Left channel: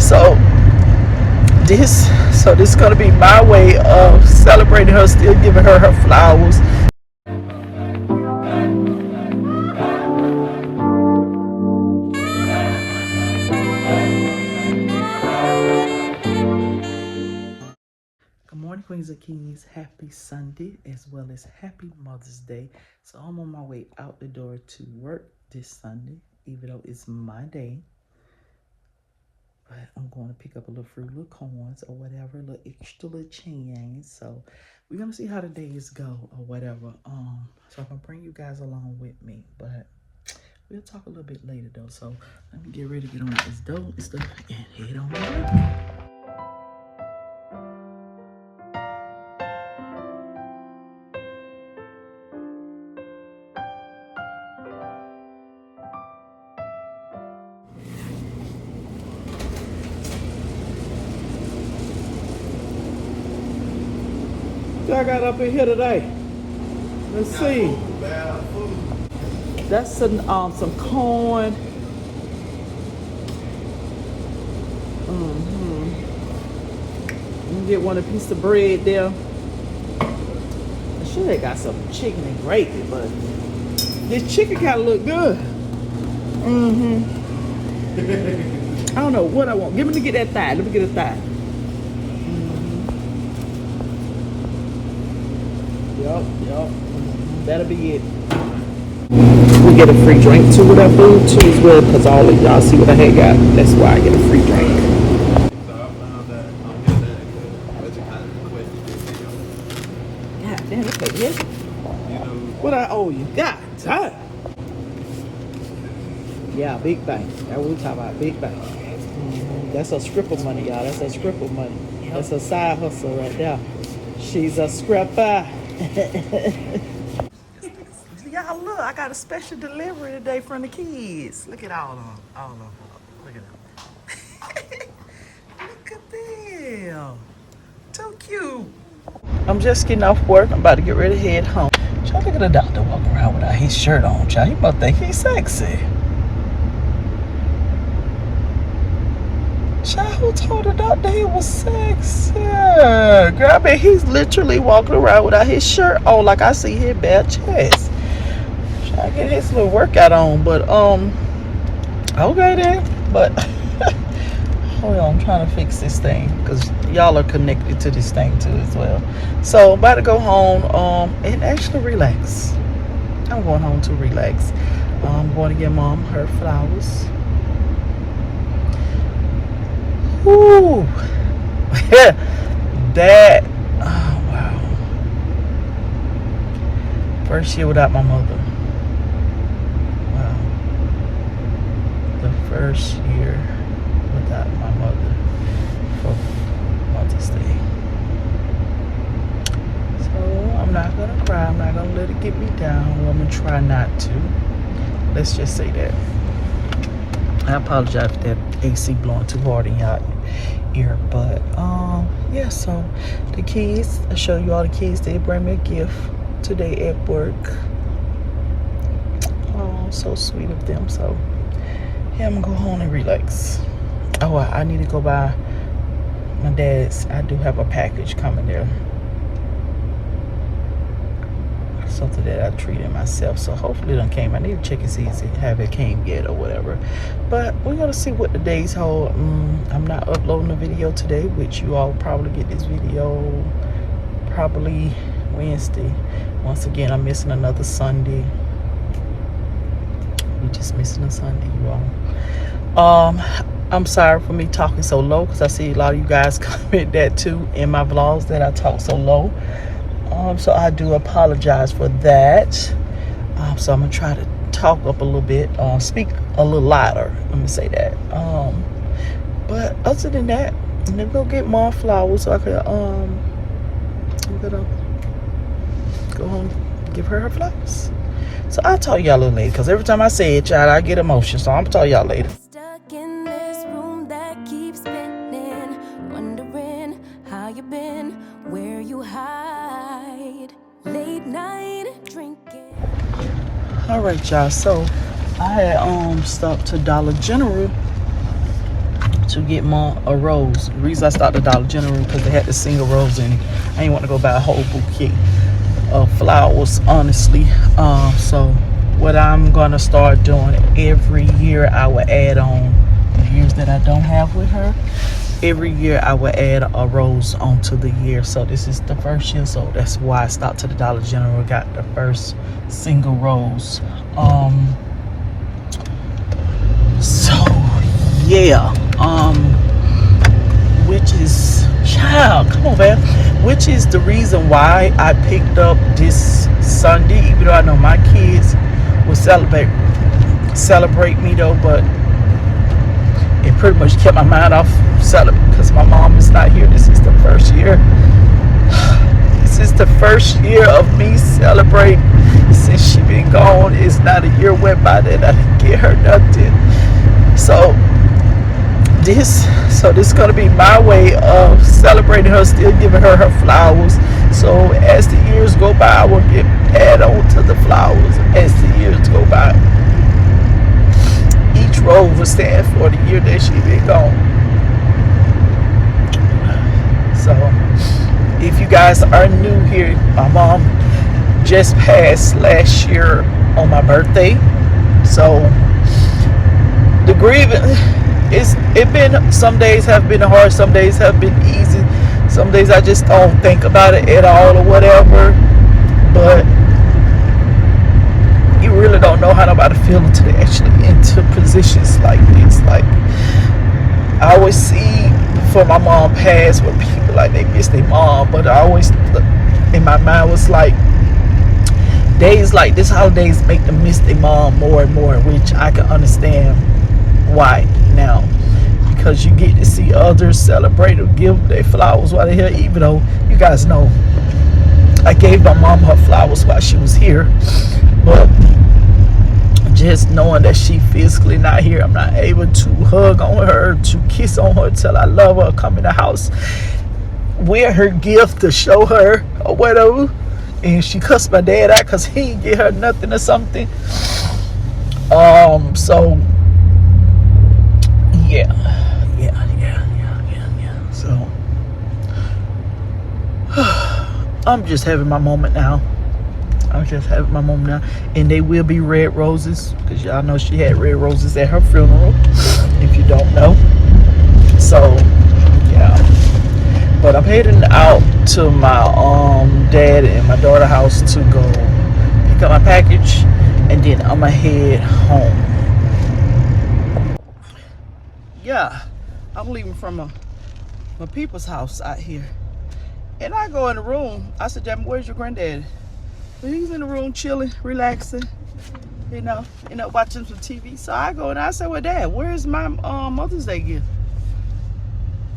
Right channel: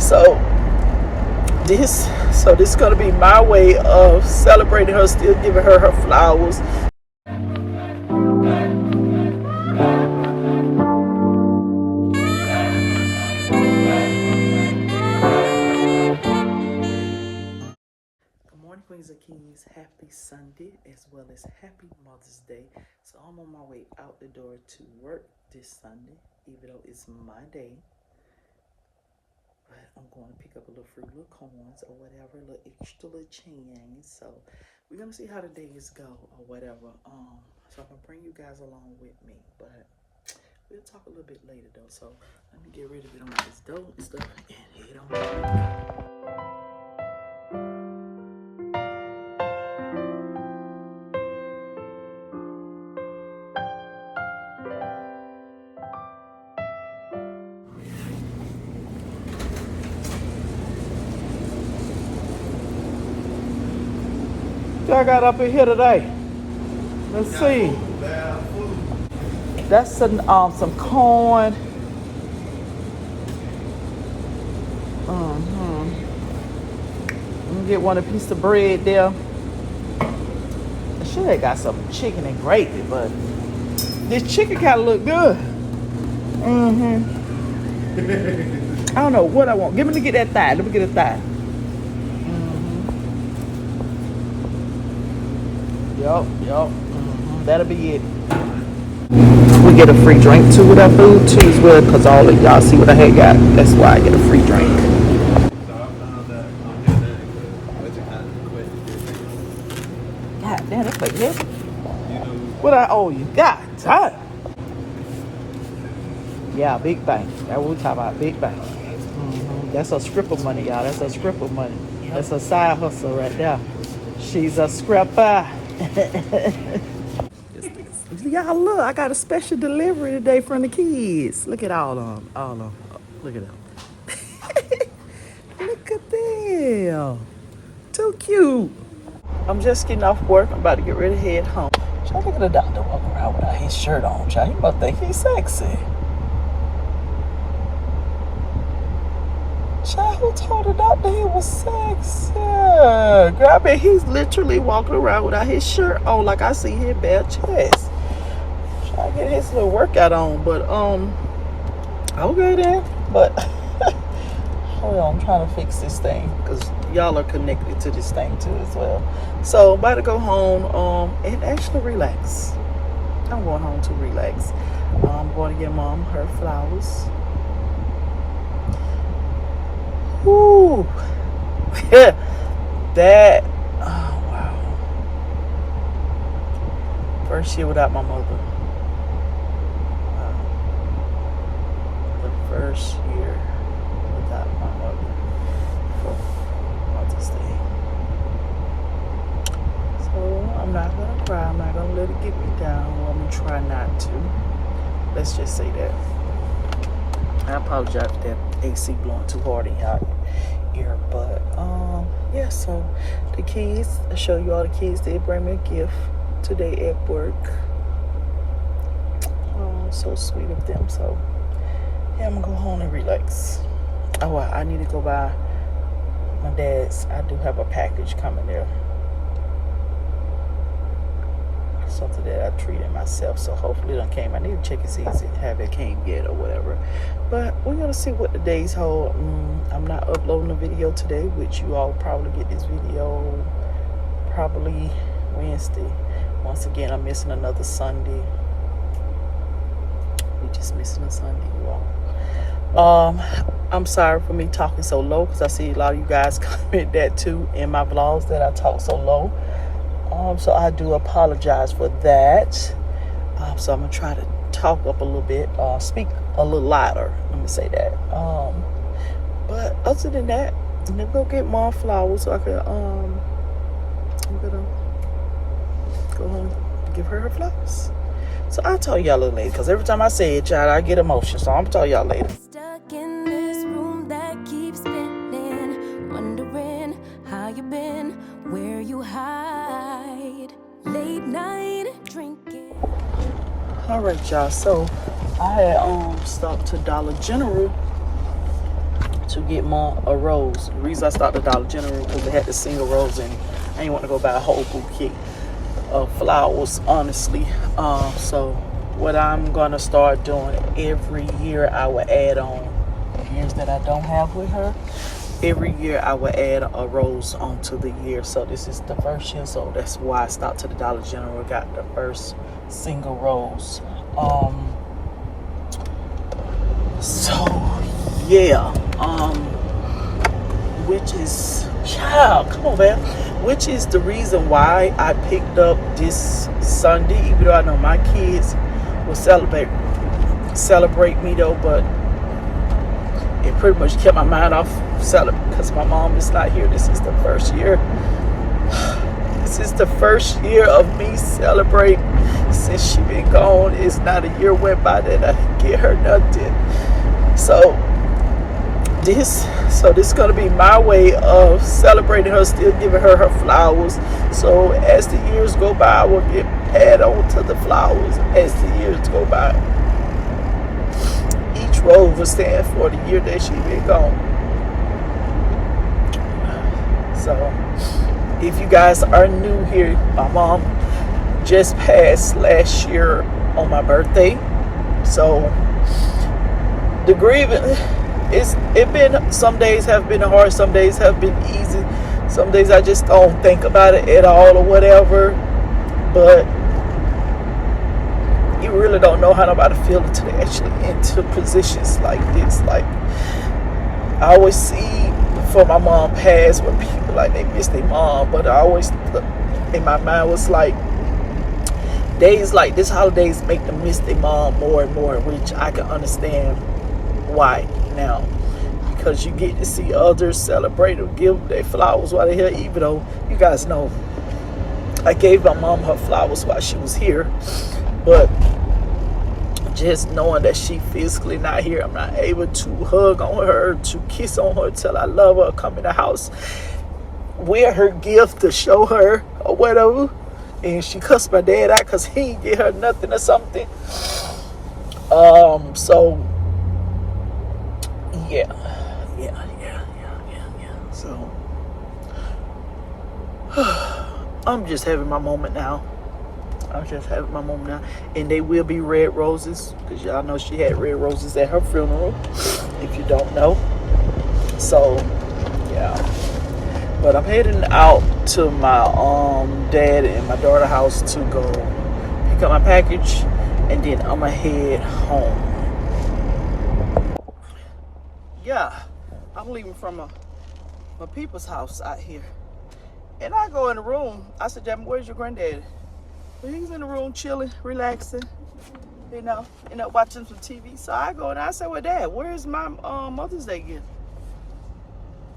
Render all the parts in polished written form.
So this is gonna be my way of celebrating her, still giving her her flowers. Good morning, Queens and Kings. Happy Sunday as well as happy Mother's Day. So I'm on my way out the door to work this Sunday, even though it's my day. But I'm going to pick up a little fruit, little corns or whatever, a little extra little change. So we're gonna see how the days go or whatever. So I'm gonna bring you guys along with me, but we'll talk a little bit later though. So let me get ready to get on this dough and stuff and head on out. What I got up in here today? Let's see. That's some corn. Let me get one piece of bread there. I should have got some chicken and gravy, but this chicken kind of look good. I don't know what I want. Give me to get that thigh. Let me get a thigh. Yup. That'll be it. We get a free drink too with our food too as well, because all of y'all see what I had got. That's why I get a free drink. God damn, that's like it. What I owe you? God damn. Yeah, big bank. That's what we talking about, big bank. That's a stripper money, y'all. That's a stripper money. That's a side hustle right there. She's a stripper. Y'all look, I got a special delivery today from the kids. Look at all of them. Look at them. Look at them. Too cute. I'm just getting off work. I'm about to get ready to head home. Child, look at the doctor walk around without his shirt on, child. You must think he's sexy. Child, who told the doctor he was sexy? Girl, I bet he's literally walking around without his shirt on, like I see his bare chest. I get his little workout on, but okay then. But hold on, I'm trying to fix this thing because y'all are connected to this thing too as well. So I'm about to go home and actually relax. I'm going home to relax. I'm going to get mom her flowers. Ooh. That, oh wow. First year without my mother. First year without my mother for Mother's Day. So I'm not gonna cry. I'm not gonna let it get me down. Well, I'm gonna try not to. Let's just say that. I apologize if that AC blowing too hard in y'all ear, but yeah. So the kids, I show you all the kids. They bring me a gift today at work. Oh, so sweet of them. So. Yeah, I'm gonna go home and relax. Oh, I need to go by my dad's. I do have a package coming there. Something that I treated myself. So hopefully it done came. I need to check and see if it came yet or whatever. But we're gonna see what the days hold. I'm not uploading a video today, which you all probably get this video probably Wednesday. Once again, I'm missing another Sunday. We're just missing a Sunday, you all. I'm sorry for me talking so low because I see a lot of you guys comment that too in my vlogs that I talk so low. So I do apologize for that. So I'm gonna try to talk up a little bit, speak a little louder. Let me say that. But other than that, I'm gonna go get more flowers so I could I'm gonna go home and give her her flowers. So I'll tell y'all a little later, because every time I say it, y'all, I get emotion. So I'm gonna tell y'all later. Stuck in this room that keeps spinning, wondering how you been, where you hide, late night drinking. All right, y'all. So I had stopped to Dollar General to get Mom a rose. The reason I started Dollar General because they had the single rose in it. I didn't want to go buy a whole bouquet of flowers, honestly. So what I'm gonna start doing every year, I will add on the years that I don't have with her. Every year I will add a rose onto the year. So this is the first year, so that's why I stopped to the Dollar General, got the first single rose. So yeah, which is, child, come on, man. Which is the reason why I picked up this Sunday, even though I know my kids will celebrate me though, but it pretty much kept my mind off celebrating because my mom is not here. This is the first year. This is the first year of me celebrating since she been gone. It's not a year went by that I didn't get her nothing. So this is gonna be my way of celebrating her, still giving her her flowers. So as the years go by, I will add on to the flowers as the years go by. Each rose will stand for the year that she been gone. So if you guys are new here, my mom just passed last year on my birthday. So the grieving, some days have been hard, some days have been easy, some days I just don't think about it at all or whatever. But you really don't know how nobody feel until they actually into positions like this. Like, I always see before my mom passed where people like they miss their mom, but I always in my mind was like, days like this, holidays make them miss their mom more and more, which I can understand why now, because you get to see others celebrate or give their flowers while they're here. Even though you guys know I gave my mom her flowers while she was here, but just knowing that she physically not here, I'm not able to hug on her, to kiss on her, tell I love her, come in the house, wear her gift to show her or whatever. And she cussed my dad out because he didn't get her nothing or something. So yeah. So I'm just having my moment now. And they will be red roses, because y'all know she had red roses at her funeral, if you don't know. So yeah. But I'm heading out to my dad and my daughter's house to go pick up my package, and then I'm gonna head home. Yeah, I'm leaving from my people's house out here, and I go in the room. I said, "Jamie, where's your granddaddy?" But he's in the room chilling, relaxing, you know, watching some TV. So I go and I said, "Well, Dad, where's my Mother's Day gift?"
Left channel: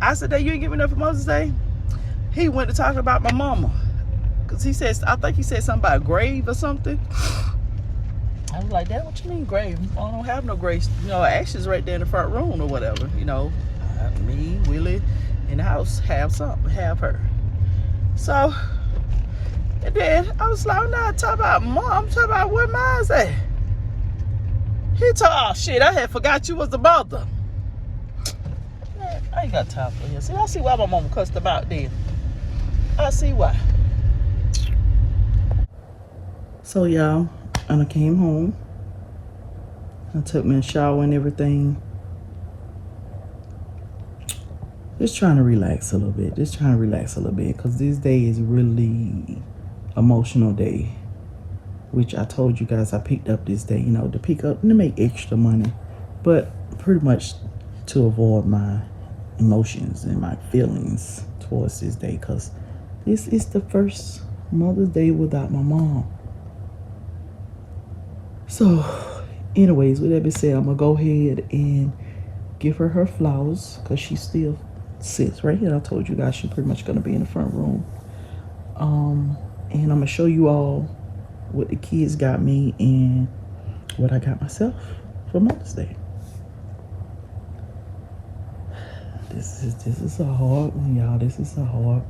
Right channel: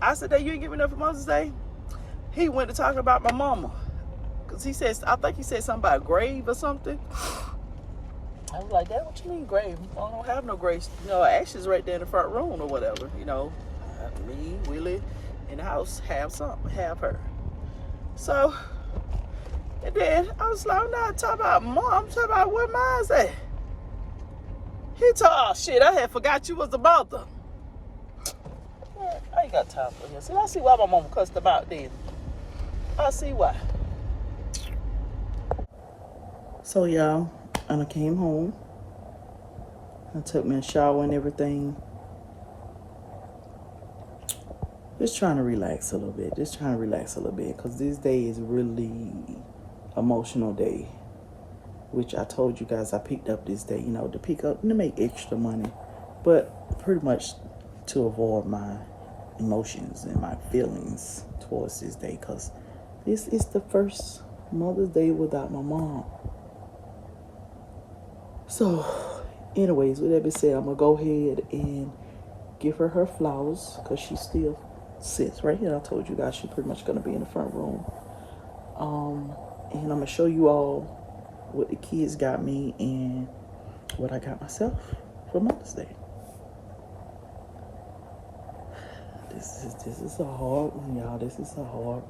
I said, "Dad, you ain't giving up for Mother's Day?" He went to talk about my mama, because he says, I think he said something about a grave or something. I was like, "Dad, what you mean grave? I don't have no grave. You know, ashes right there in the front room or whatever. You know, me, Willie, in the house have something, have her." So, and then I was like, "I'm not talking about mom, I'm talking about where mine's at." He told, "Oh shit, I had forgot you was the mother." Man, I ain't got time for him. See, I see why my mama cussed him out then. I see why. So y'all, and I came home. I took me a shower and everything. Just trying to relax a little bit. Because this day is really emotional day. Which I told you guys I picked up this day, you know, to pick up and to make extra money. But pretty much to avoid my emotions and my feelings towards this day. Because this is the first Mother's Day without my mom. So, anyways, with that being said, I'm going to go ahead and give her her flowers, because she still sits right here. I told you guys she's pretty much going to be in the front room. And I'm going to show you all what the kids got me and what I got myself for Mother's Day. This is a hard one, y'all. This is a hard.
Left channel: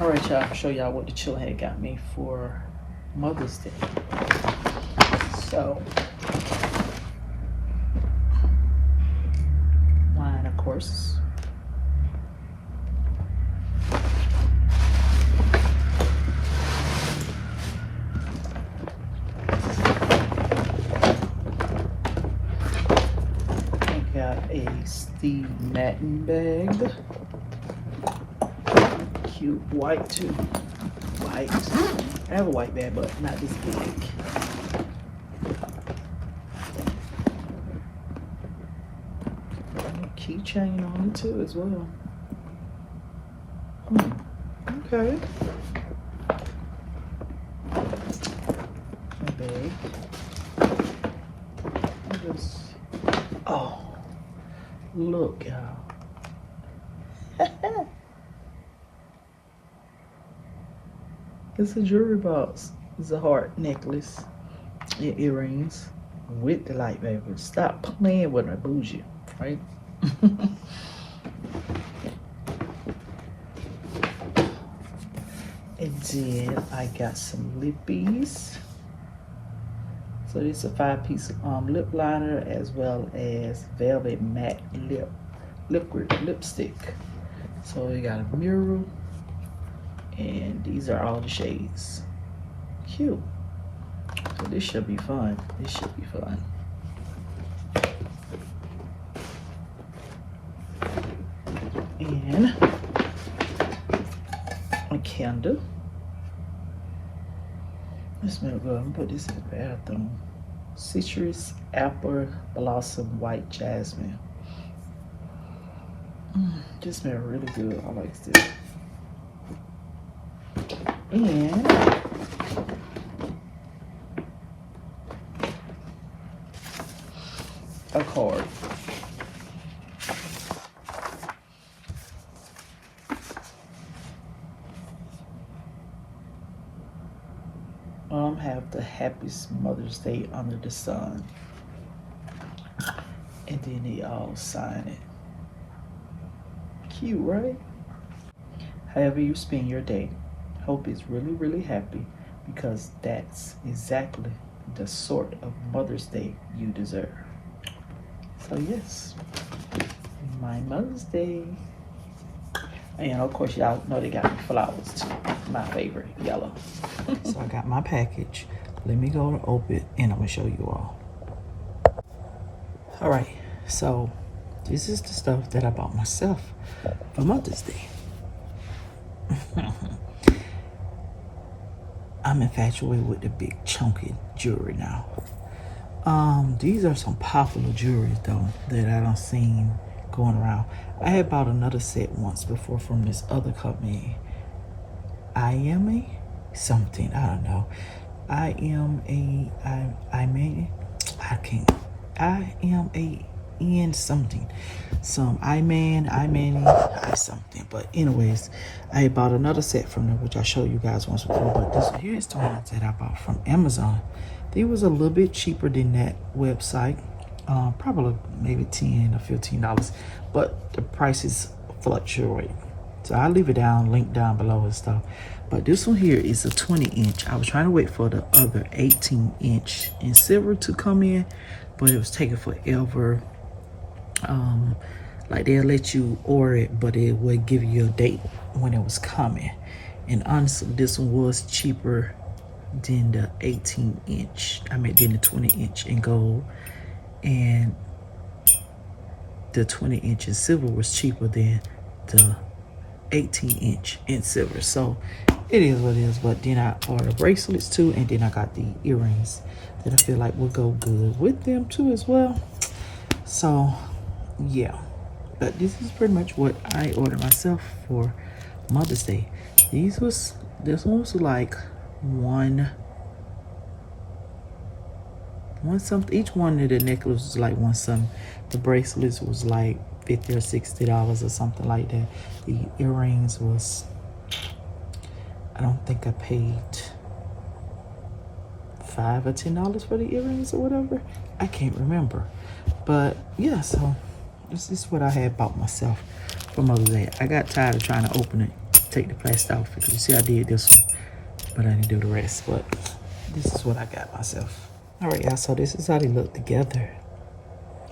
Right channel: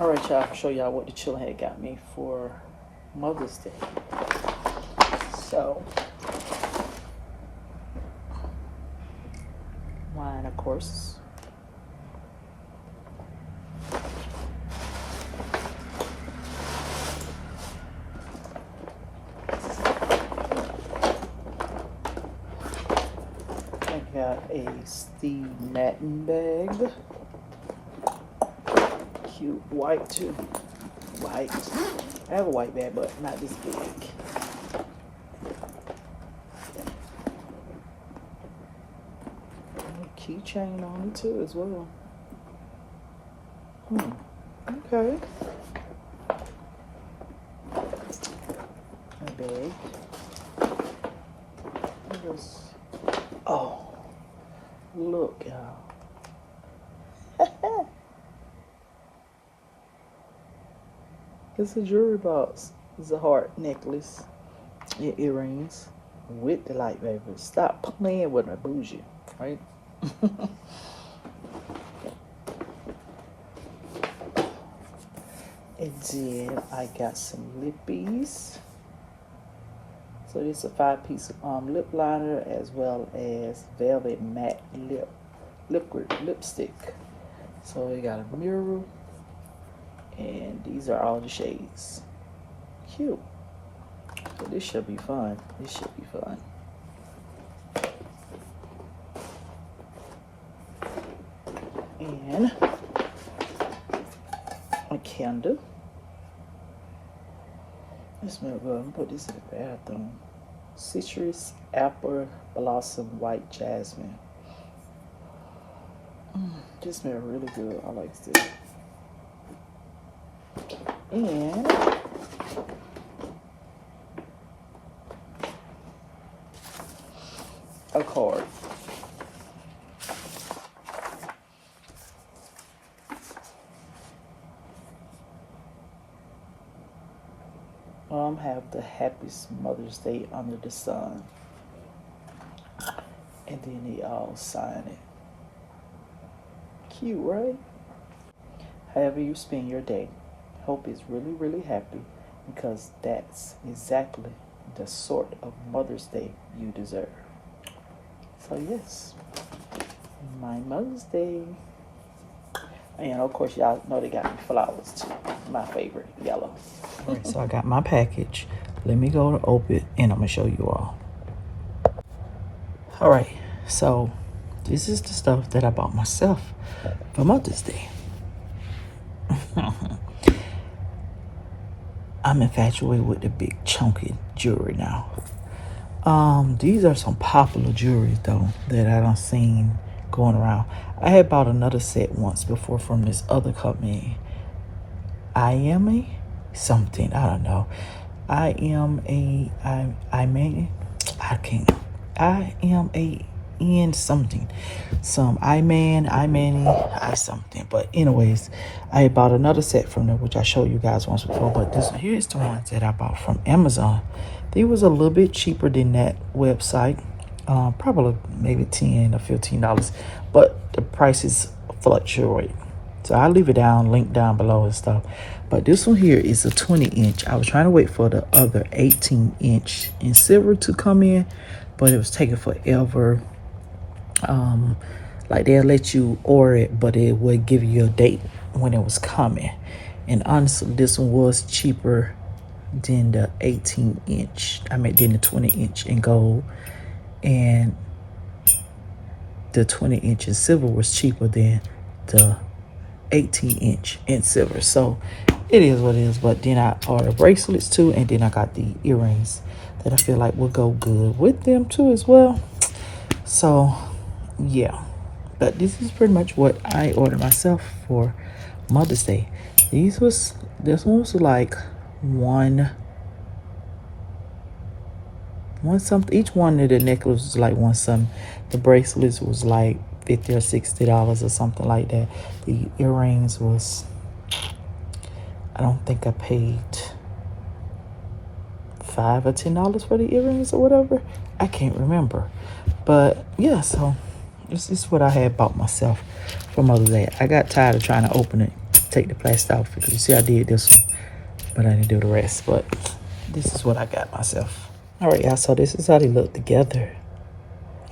All right, y'all, I'll show y'all what the children had got me for Mother's Day. So, mine, of course. I got a Steve Madden bag. Cute white too. White. I have a white bag, but not this big. Keychain on it too as well. Okay. My bag. Oh, look, y'all. It's a jewelry box. It's a heart necklace. Your earrings with the light, baby. Stop playing with her bougie, right? And then I got some lippies. So this is a 5-piece lip liner as well as velvet matte liquid lipstick. So we got a mirror, and these are all the shades. Cute. So this should be fun. This should be fun. And a candle. This smells good. I'm gonna put this in the bathroom. Citrus apple blossom white jasmine. This smells really good. I like this. And a card. Have the happiest Mother's Day under the sun. And then they all sign it. Cute, right? However you spend your day, hope it's really, really happy, because that's exactly the sort of Mother's Day you deserve. So yes, my Mother's Day. And of course, y'all know they got me flowers too. My favorite, yellow. So I got my package. Let me go to open it, and I'm gonna show you all. All right, so this is the stuff that I bought myself for Mother's Day. I'm infatuated with the big chunky jewelry now. These are some popular jewelry though that I done seen going around. I had bought another set once before from this other company. I am a something, I don't know. I am a in something. Some I something. But anyways, I bought another set from them, which I showed you guys once before. But here's the ones that I bought from Amazon. They was a little bit cheaper than that website. Probably maybe $10 or $15, but the prices fluctuate. So I'll leave it link down below and stuff. But this one here is a 20-inch. I was trying to wait for the other 18-inch in silver to come in, but it was taking forever. Like they'll let you order it, but it would give you a date when it was coming. And honestly, this one was cheaper than the 18-inch. I mean, than the 20-inch in gold. And the 20-inch in silver was cheaper than the 18-inch in silver. So it is what it is. But then I ordered bracelets too, and then I got the earrings that I feel like will go good with them too as well. So yeah, but this is pretty much what I ordered myself for Mother's Day. This one was like one something. Each one of the necklaces was like one something. The bracelets was like $50 or $60 or something like that. The earrings was, I don't think I paid $5 or $10 for the earrings or whatever. I can't remember. But yeah, so This is what I had bought myself for Mother's Day. I got tired of trying to open it, take the plastic off, because you see I did this one, but I didn't do the rest. But this is what I got myself. All right, y'all, so this is how they look together.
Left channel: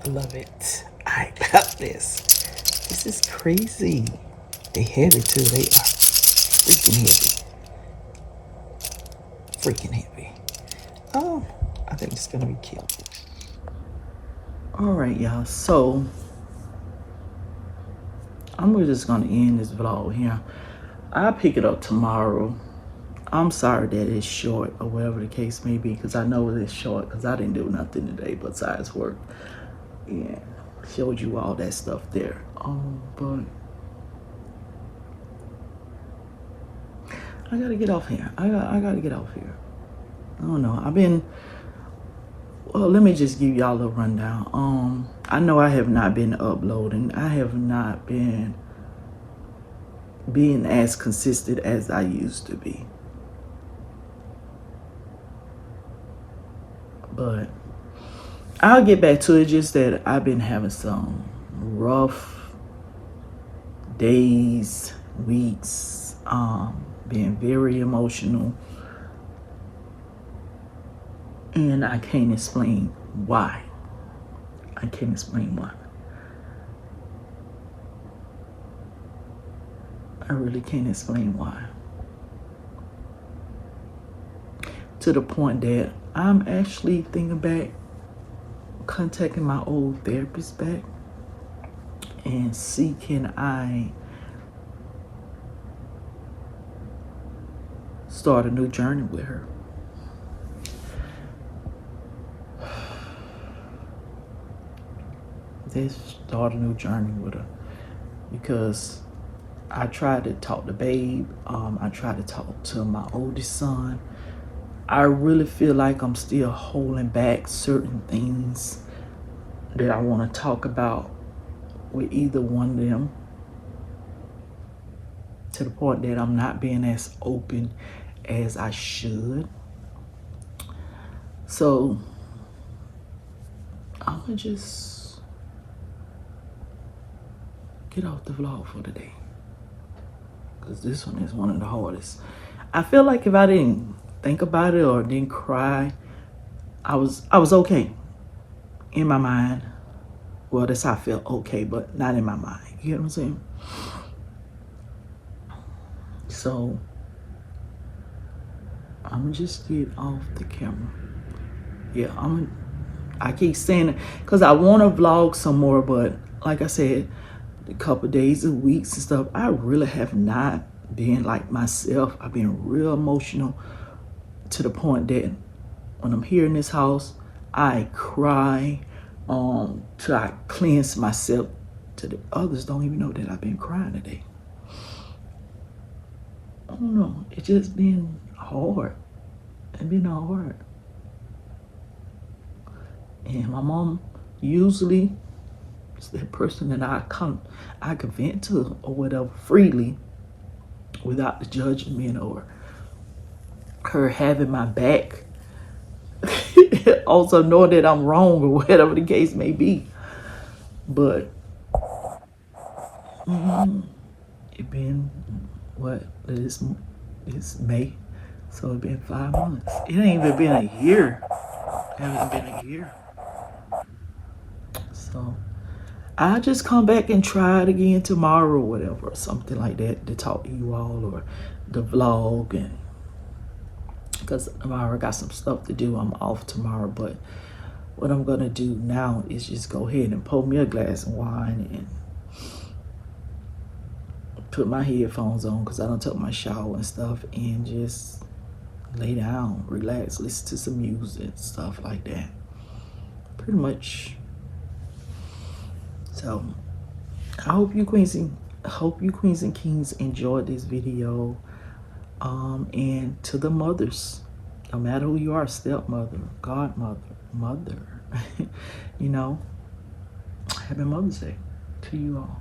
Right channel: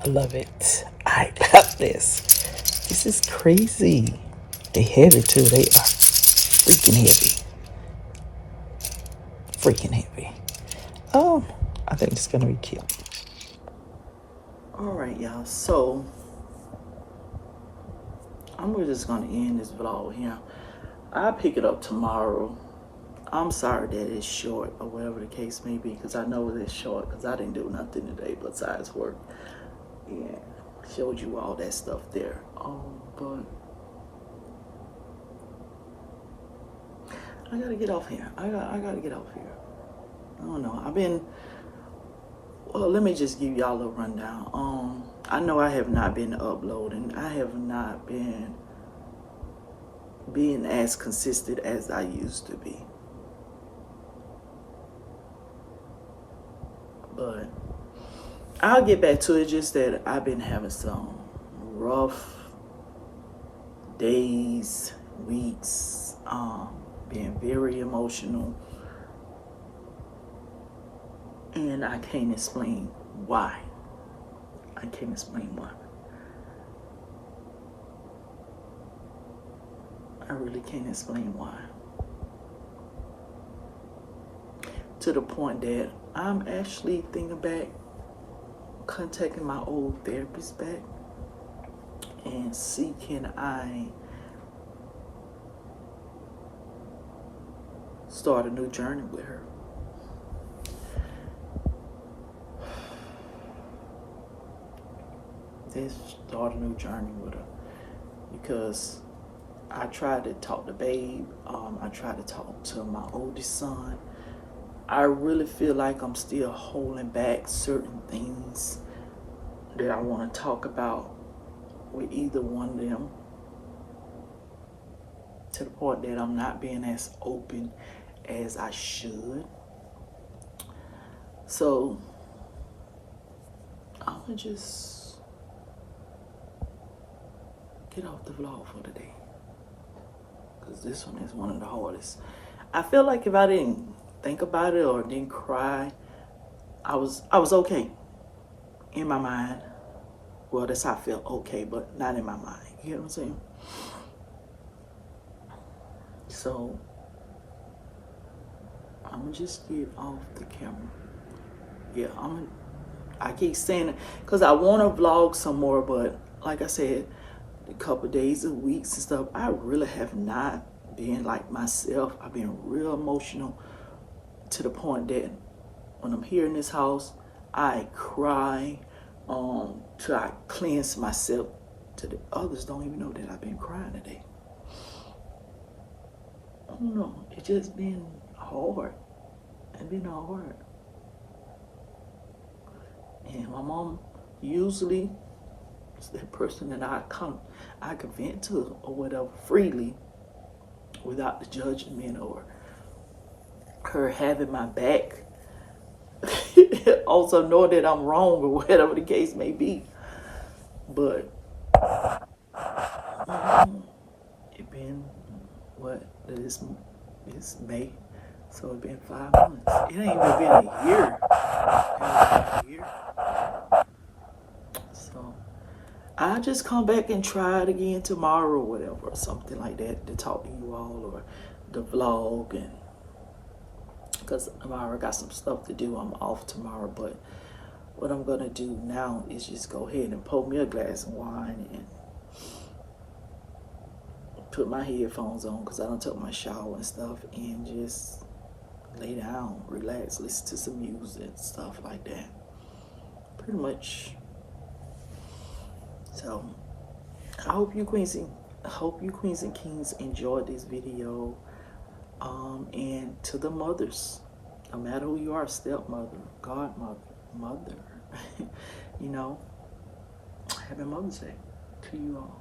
I love it. I love this. This is crazy. They heavy too. They are freaking heavy. Freaking heavy. I think it's gonna be cute. All right, y'all, so I'm just gonna end this vlog here. I'll pick it up tomorrow. I'm sorry that it's short or whatever the case may be, because I know it's short because I didn't do nothing today besides work. Yeah, showed you all that stuff there. But I gotta get off here. I gotta get off here. I don't know. Well, let me just give y'all a rundown. I know I have not been uploading. I have not been being as consistent as I used to be. But I'll get back to it. Just that I've been having some rough days, weeks, being very emotional. And I can't explain why. I can't explain why. I really can't explain why. To the point that I'm actually thinking back, contacting my old therapist back and see can I start a new journey with her. Start a new journey with her, because I tried to talk to Babe. I tried to talk to my oldest son. I really feel like I'm still holding back certain things that I want to talk about with either one of them, to the point that I'm not being as open as I should. So I'm gonna just get off the vlog for today, because this one is one of the hardest. I feel like if I didn't think about it or didn't cry, I was okay in my mind. Well, that's how I feel, okay, but not in my mind. You get what I'm saying? So I'm gonna just get off the camera. Yeah, I keep saying it because I want to vlog some more, but like I said, a couple days and weeks and stuff, I really have not been like myself. I've been real emotional, to the point that when I'm here in this house, I cry till I cleanse myself. To the others don't even know that I've been crying today. I don't know. It's just been hard. It's been hard. And my mom usually is that person that I can vent to or whatever freely, without the judgment or her having my back. Also knowing that I'm wrong or whatever the case may be. But it been what? It's May, so it been 5 months. It ain't even been a year. It hasn't been a year. So I'll just come back and try it again tomorrow or whatever, or something like that, to talk to you all, or the vlog. And because I already got some stuff to do, I'm off tomorrow. But what I'm gonna do now is just go ahead and pour me a glass of wine and put my headphones on, because I don't took my shower and stuff, and just lay down, relax, listen to some music, stuff like that. Pretty much. So I hope you queens and kings enjoyed this video. And to the mothers, no matter who you are, stepmother, godmother, mother, you know, happy Mother's Day to you all.